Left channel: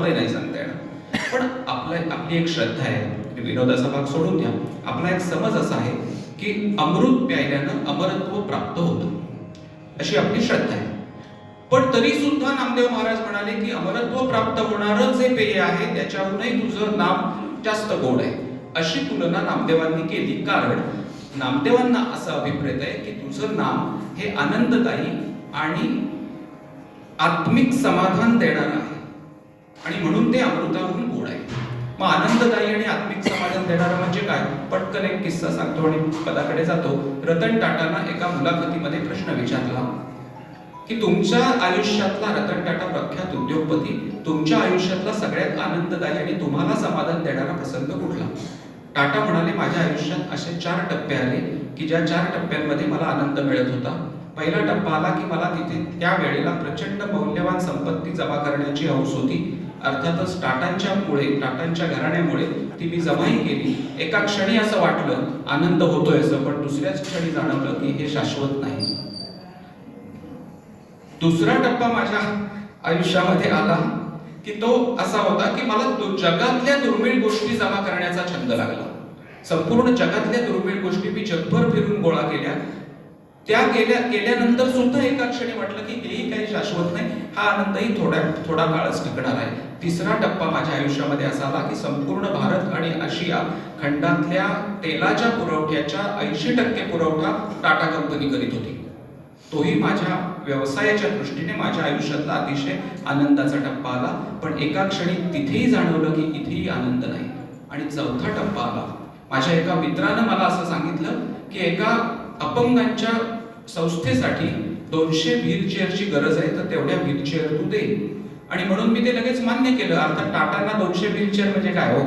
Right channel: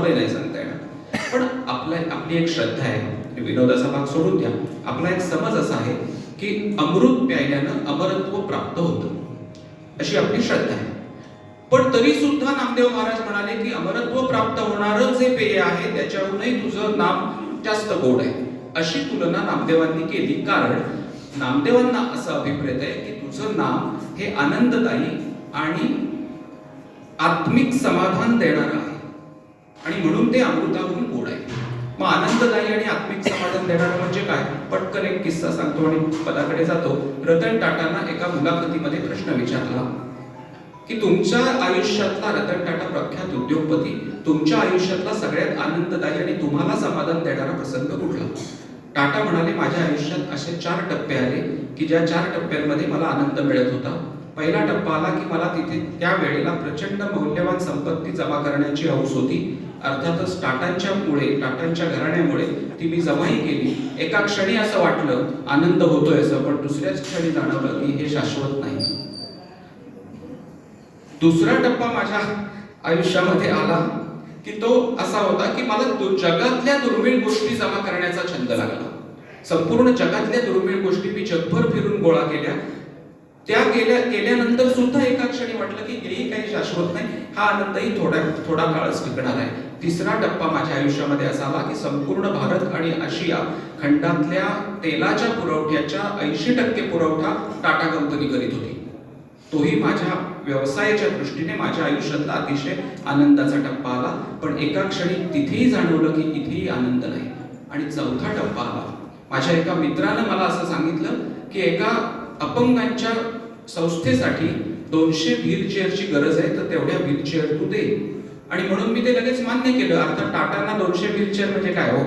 नाही सांगता येणार. पण आपला आपली एक श्रद्धा आहे. विनोदाचा भाग सोडून द्या. आपला एक समज असा आहे की अमृत प्यायल्यानं अमरत्व प्राप्त होतं. अशी आपली श्रद्धा आहे. पण तरी सुद्धा नामदेव महाराज म्हणाले की अमरत्व प्राप्त होणारं जे पेय आहे. त्याच्यावरूनही तुझं नाम जास्त गोड आहे. अशी तुलना नामदेवांनी केली. कारण नामदेवांना असं अभिप्रेत आहे की तुझं नाम हे आनंददायी आणि आत्मिक समाधान देणार आहे. आणि म्हणून ते अमृताहून गोड आहे. मग आनंददायी आणि आत्मिक समाधान देणारा म्हणजे काय? पटकन एक किस्सा सांगतो आणि पदाकडे जातो. रतन टाटांना एका मुलाखतीमध्ये प्रश्न विचारला. की तुमच्या आयुष्यातला रतन टाटा प्रख्यात उद्योगपती तुमच्या आयुष्यातला सगळ्यात आनंददायी आणि तुम्हाला समाधान देणारा प्रसंग कुठला? टाटा म्हणाले माझ्या आयुष्यात असे चार टप्पे आले की ज्या चार टप्प्यांमध्ये मला आनंद मिळत होता. पहिला टप्पा आला की मला तिथे त्या वेळेला प्रचंड मौल्यवान संपत्ती जमा करण्याची हौस होती. अर्थातच टाटांच्या मुळे टाटांच्या घराण्यामुळे ती मी जमाही केली. एका क्षणी असं वाटलं आनंद होतोय असं पण दुसऱ्याच क्षणी जाणवलं की हे शाश्वत नाही. दुसरा टप्पा माझ्या आयुष्यामध्ये आला की तो असा होता की मला जगातल्या दुर्मिळ गोष्टी जमा करण्याचा छंद लागला. संपूर्ण जगातल्या दुर्मिळ गोष्टी मी जगभर फिरून गोळा केल्या. त्या गेल्या गेल्यानंतर सुद्धा एका क्षणी वाटलं की हेही काही शाश्वत नाही. हा आनंदही थोड्या थोडा काळच टिकणार आहे. तिसरा टप्पा माझ्या आयुष्यामध्ये असा आला की संपूर्ण भारत आणि आशिया खंडातल्या तेलाच्या पुरवठ्याच्या ऐंशी टक्के पुरवठा टाटा कंपनी करीत होती. तोही माझ्या व्यवसायाच्या दृष्टीने माझ्या आयुष्यातला अतिशय आनंदाचा टप्पा आला. पण एका क्षणी तिथेही जाणवलं की इथेही आनंद नाही. आणि चौथा टप्पा आला. माझ्या एका मित्रानं मला असं सांगितलं की एका अपंगांच्या संस्थेसाठी दोनशे व्हीलचेअरची गरज आहे तर तेवढ्या व्हीलचेअर तू दे. आणि म्हणून मी ते लगेच मान्य केलं. अर्थात टाटांना दोनशे व्हीलचेअर म्हणजे काय हो?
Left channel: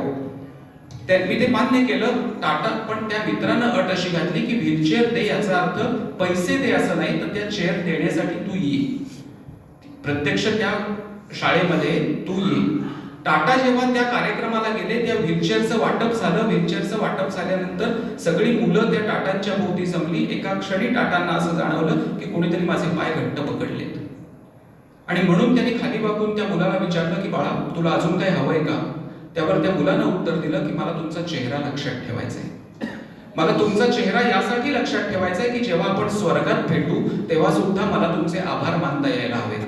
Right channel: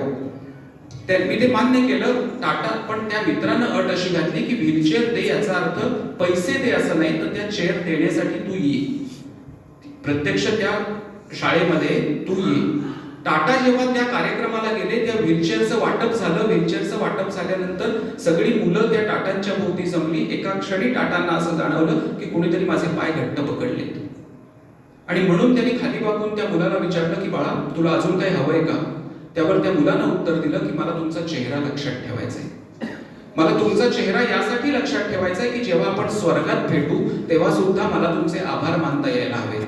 त्यांनी मी ते मान्य केलं. टाटा पण त्या मित्रानं अट अशी घातली की व्हीलचेअर दे याचा अर्थ पैसे दे असं नाही तर त्या चेअर देण्यासाठी तू ये. प्रत्यक्ष त्या शाळेमध्ये तू ये. टाटा जेव्हा त्या कार्यक्रमाला गेले त्या व्हीलचेअरचं वाटप झालं. व्हीलचेअरचं वाटप झाल्यानंतर सगळी मुलं त्या टाटांच्या भोवती जमली. एका क्षणी टाटांना असं जाणवलं की कोणीतरी माझे पाय घट्ट पकडले. आणि म्हणून त्यांनी खाली वाकून त्या मुलाला विचारलं की बाळा तुला अजून काही हवंय का? त्यावर त्या मुलानं उत्तर दिलं की मला तुमचा चेहरा लक्षात ठेवायचा आहे मला तुमचा चेहरा यासाठी लक्षात ठेवायचा आहे की जेव्हा आपण स्वर्गात भेटू तेव्हा सुद्धा मला तुमचे आभार मानता यायला हवे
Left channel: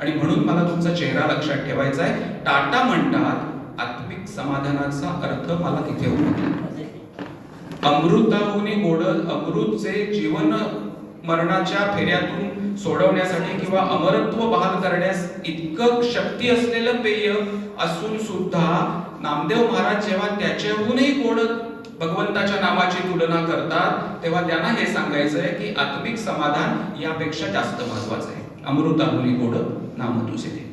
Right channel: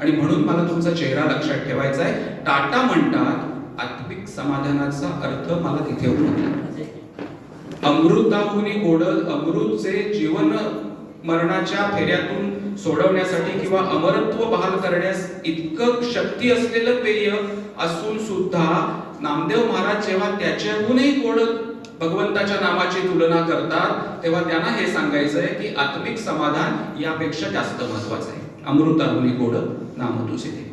आणि म्हणून मला तुमचा चेहरा लक्षात ठेवायचा आहे. टाटा म्हणतात आत्मिक समाधानाचा अर्थ मला तिथे होतो अमृताहुनी गोड अमृतचे जीवन मरणाच्या फेऱ्यातून सोडवण्यासाठी किंवा अमरत्व बहाल करण्यास इतकं शक्ती असलेलं पेय असून सुद्धा नामदेव महाराज जेव्हा त्याच्याहूनही गोड भगवंताच्या नावाची तुलना करतात तेव्हा त्यांना हे सांगायचं आहे की आत्मिक समाधान यापेक्षा जास्त महत्वाचं आहे. अमृताहुनी गोड नाम तुझे